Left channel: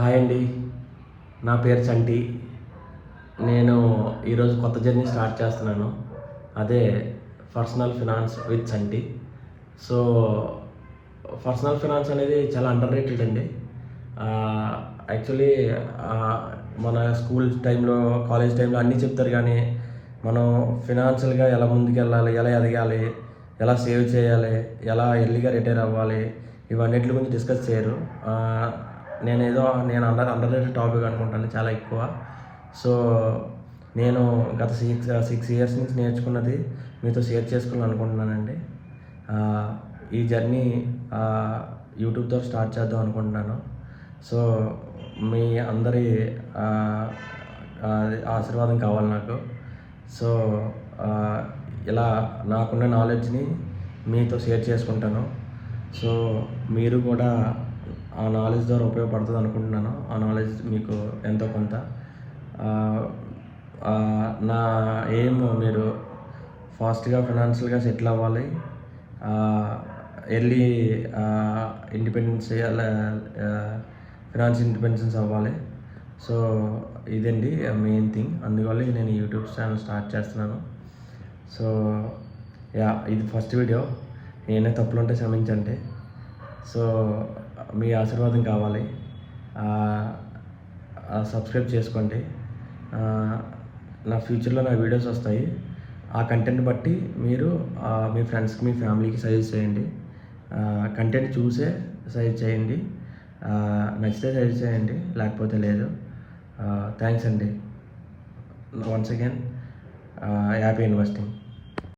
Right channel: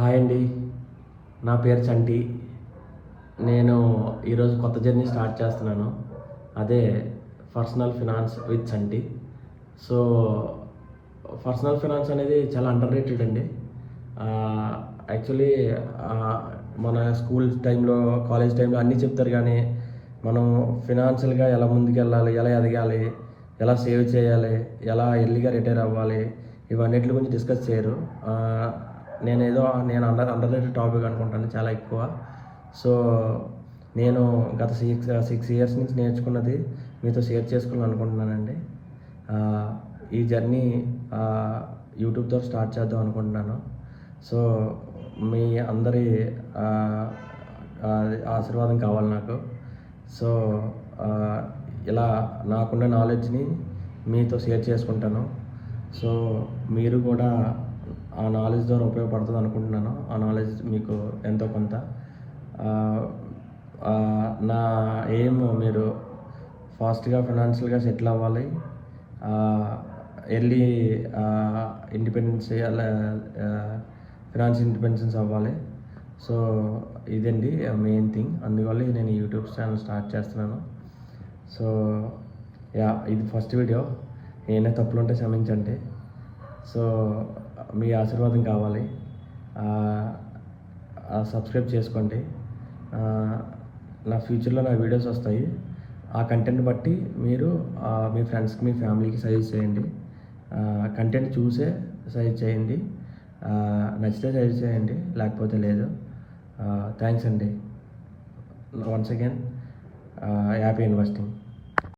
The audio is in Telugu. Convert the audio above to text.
హాయ్ అండి, నా పేరు చంటి. నేను ఈరోజు కొత్త జర్నీ స్టార్ట్ చేస్తున్నాను. అదే personal finance with Chanti. So personal finance అనేది చాలా అండర్ రేటెడ్ అండి. యాక్చువల్లీ మన స్కూల్ టైంలో, కాలేజ్ టైంలో అన్నీ చెప్తారు, కానీ మనం ఫినాన్షియల్గా ఎలా ముందుకు వెళ్ళాలి, ఎలా ఎదగాలి, ఎలా సేవ్ చేయాలి, ఎలా ఎర్లీగా రిటైర్ అవ్వాలి, ఇవన్నిటి గురించి డిస్కస్ చేయరు. నేను అండర్ రేటెడ్ టాపిక్ అనుకుంటాను చాలా ఎక్కువ. సో నేను గత సిక్స్ ఇయర్స్ నుంచి నేర్చుకున్నది మీతో షేర్ చేసుకుని అనుకుంటున్నానండి. ఈ జర్నీ యూట్యూబ్తో స్టార్ట్ చేద్దాం అనుకుంటున్నాను. సో మీ అందరి ఆశీర్వాదం కావాలి నాకు. సో ఇలా నాకున్న నాలెడ్జ్ని మీతో షేర్ చేసుకుంటాను. సో మీరు కూడా ఆ నాలెడ్జ్ ద్వారా ఉపయోగపడుతుంది అనుకుంటున్నాను. ఆ నాలెడ్జ్ మీకు ఎంతో కొంత. నా ఎయిమ్ మీరు ఫాస్ట్గా ఫినాన్షియల్గా సెటిల్ అవ్వాలి, ఎర్లీ ఇండిపెండెన్స్, ఫినాన్షియల్ ఇండిపెండెన్స్ అవ్వాలి. సో ఇదండి మెయిన్ థింగ్. అందువల్ల నేను యూట్యూబ్ ఛానల్ స్టార్ట్ చేస్తున్నాను. సో ఇది ఫస్ట్ వీడియో. ఏమైనా తప్పులు ఉంటే క్షమించండి. సో మీ ఆశీర్వాదం కావాలి. సబ్స్క్రైబ్ చేసుకోండి. నా ఫ్యూచర్లో నా వీడియోస్ వస్తాయి. ఆ కంటెంట్ బట్టి మీరు మీ ఫ్రెండ్స్కి, మీ ఫ్యామిలీకి సజెస్ట్ చేయండి. కంటెంట్ చూసే సజెస్ట్ చేయండి. నచ్చితే సజెస్ట్ చేయండి, లేకపోతే లేదు. థ్యాంక్స్ అండి. Once again happy investing.